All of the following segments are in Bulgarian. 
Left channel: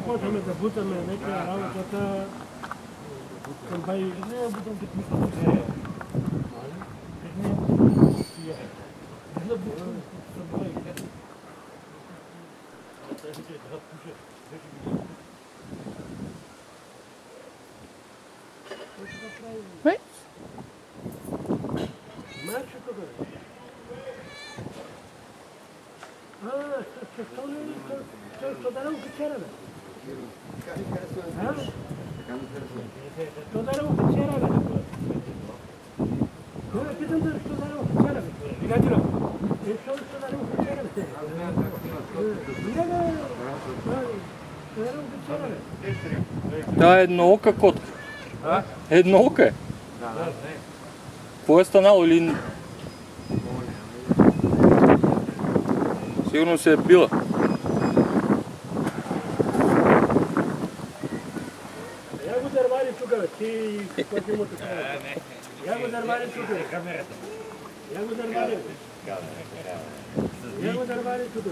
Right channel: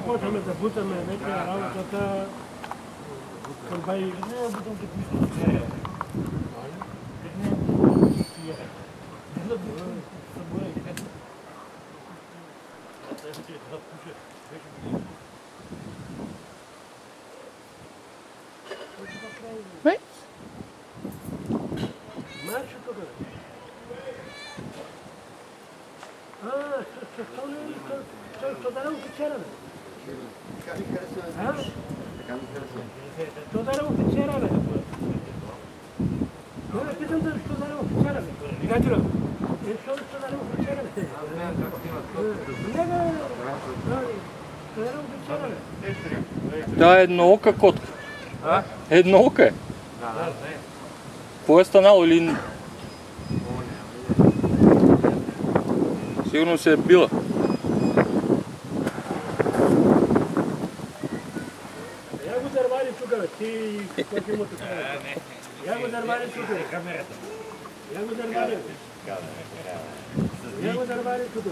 Щом почваме да бутаме вече работата към бай... Не, бутам като мисля, че не е. Не, бутам че е. Да бутам съборай. Бе? Марш тук, бе. Що да не офицера, бе? Така ми харесва. Така ми харесва. Що да не офицера, бе? Не, питам да що да не офицера, бе? Приятелю, що да не офицера, бе? Не, бе. Що да не офицера, бе? Да, едноока котка. Едноока е. Какво е станало или... Сигурно се е била. Я го дървали тук, бе. Ти какво ти му тук? Я го дървали тук, бе. Я го дървали. Я го дървали тук, бе.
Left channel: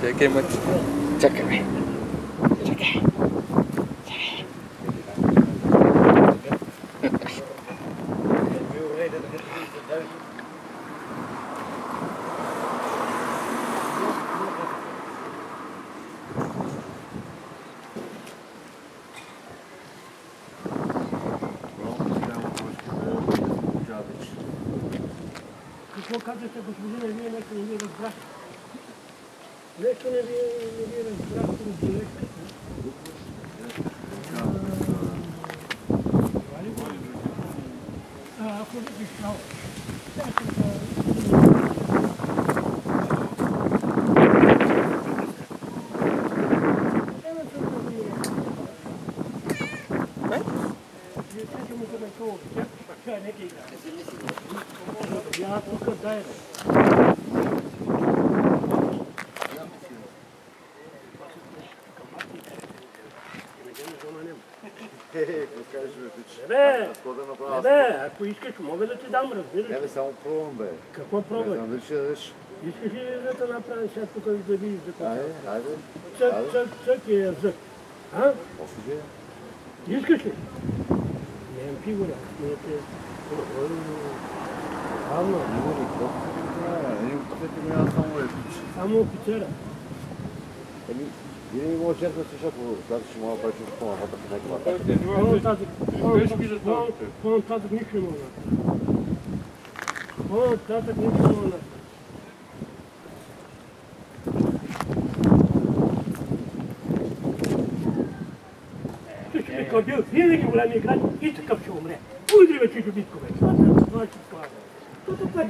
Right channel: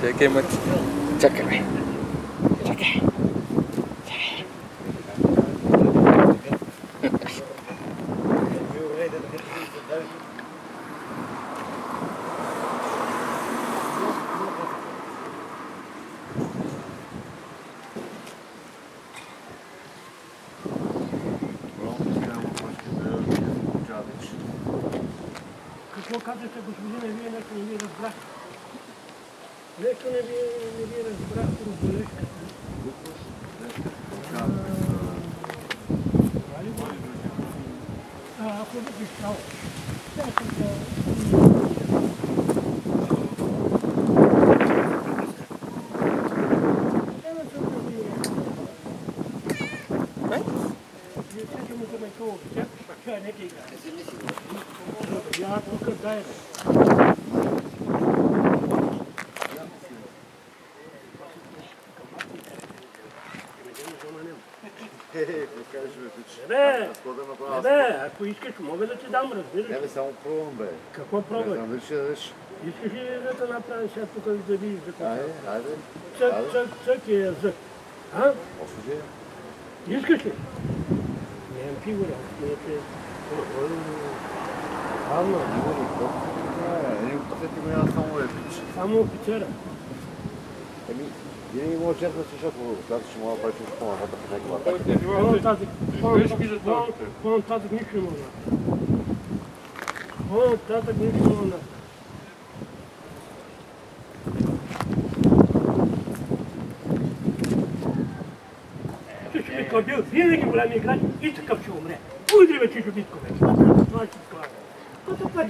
Чакай, мъч. Чакай, бе. Чакай. Какво казвате, господине, вие нещо не ви разбрахте? Нещо не ви разбрахте, разберете. Ако ви пишал, сега съм да... Я тук дай. Не, ако искаш, мога да ти дам, разбираш. Не бе, само пробвам, бе. Какво пробваш? Не знам дали ще дадеш. Искаш ли да те направи сега тук да видиш за какво? Айде. Цък е язък. А? Още ли? Искаш ли? Нямам фигура. Равно. Не офицерите го няма само епич. Само офицера. Винаги може честно си, защото когато ще мога да правиш нещо по-нататък в някаква атака. По-нататък нищо не мога да направя. По-нататък нищо не мога да направя. Чичо Битко е бил винаги голям играч и такъв ще умре. Удри бе, Чичо Битко, бе. Това е.